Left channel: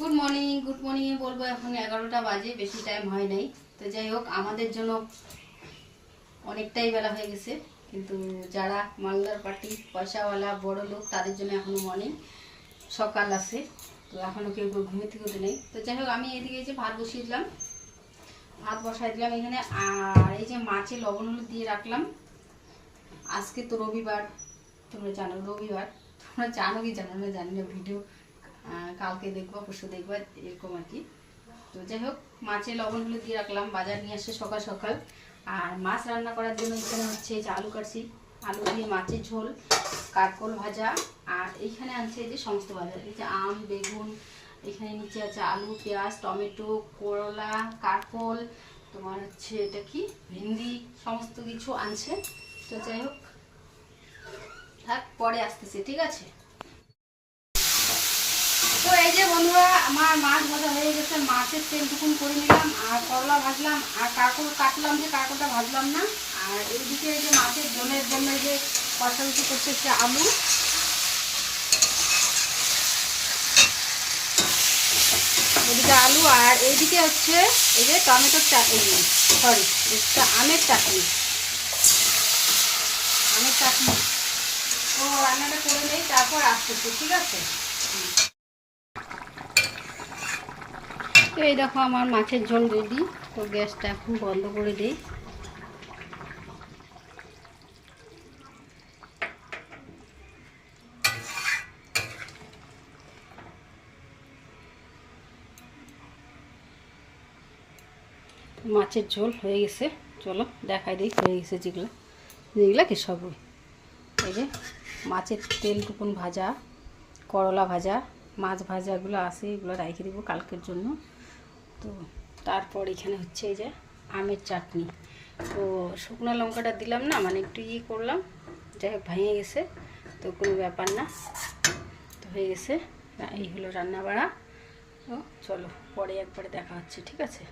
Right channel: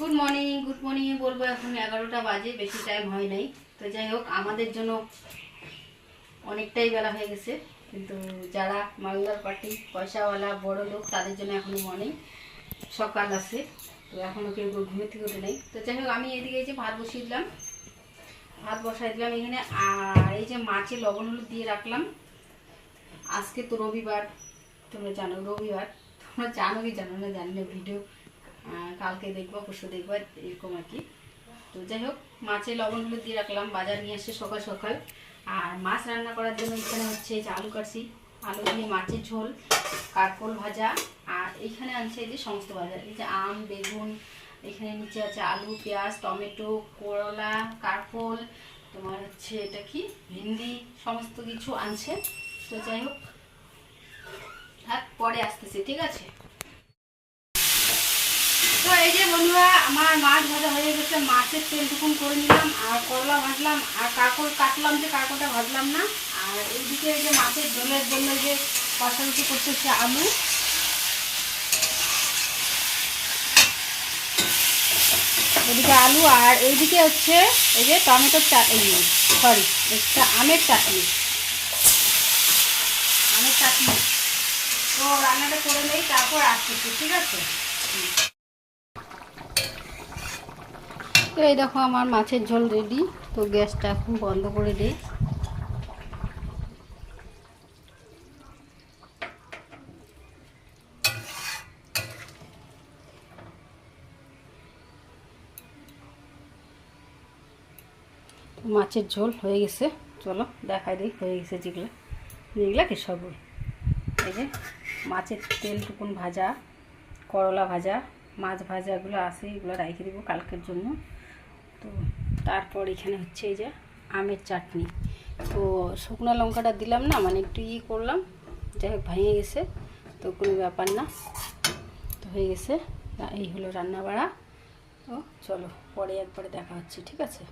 Good morning বলবো। এখন 11টা বাজে, বেশি টাইম হয় নাই। তো যাই হোক, আমাদের জন্য অনেকটাই বেলা হয়ে গেছে, কিন্তু যারা মালদার পার্টি পয়সাওয়ালা বড় লোক তাদের জন্য এখনো মর্নিং, সকাল আছে। তো এখনো কেউ ঘুমে থেকে উঠে নেই। তো যাই হোক, আমি এদিকে এই যে ভাত বসাই দিলাম এখানে। আর এই যে মাছে লবণ হলুদ দিয়ে রাখলাম। আজকে তো রবিবার, তোমরা জানো রবিবার, তোমরা জানো কি জানো না জানি না, ভিডিও কালকে দেখবো পরশু দেখবো এরকম আর কি। তো যাই হোক, মাছে লবণ হলুদ দিয়ে রাখলাম, বাজার নিয়ে আসছে সকাল সকাল। আর মাছ রান্না করার জন্য এখানে হচ্ছে এই যে আলু কাটছি, আলু দিয়ে মাছের ঝোল, কারকোল ভাজা। আর এইখানে আনছে এই যে সমস্ত বাজার, এই যে আম, বেগুন, এখানে নিচে আছে আলু, পেঁয়াজ, টমেটো, করলা, কারকোল, তোমার হচ্ছে এটা কি ভেন্ডি, সমস্ত কিছু আনছে। তো যাই হোক, থাক, পরে আসতেছে, ঠিক আছে। তো এই যে বন্ধুরা, আমার মাছ ভাজা হয়ে গেছে, মাছের তেল টুকুন করে নিলাম, আর করলা ভাজলাম, আর কারকোল কাটলাম, যে কারকোলটা ভাজলাম না। আর এইদিকে এই যে মাছের ঝোলের জন্য যে কষাকষি করতেছে আলু, এদিকে আলু, আর এইদিকে হচ্ছে এই যে টমেটোর চাটনি, সরি এটা আমের চাটনি। তো রান্নাটা করে নেই, তারপর আসতেছি, ঠিক আছে। তো এই দেখো, আমার মাছের ঝোল রেডি। তো গ্যাসটা এখন বন্ধ করে দিই। মাছের ঝোল হয়ে গেছে, চলো দেখাই দিই হয়ে গেছে। যেগুলা কি সব এই যে মাছের তেলটুকুন ভাজা, করলা ভাজা, মাছ ভাজাগুলো আছে, এগুলো রেখে দেবো কালকের জন্য। তো তারপর এখানে হচ্ছে এই যে আমের চাটনি। তো শুকনো লঙ্কাটা দিলাম না, মানে একটু করলাম, যাই হোক ভেঙে গেছে, তো কোনো ব্যাপার না। তো হয়ে গেছে, এই হলো রান্না বাড়া। তো চলো পরে একবারে দেখা হচ্ছে, ঠিক আছে।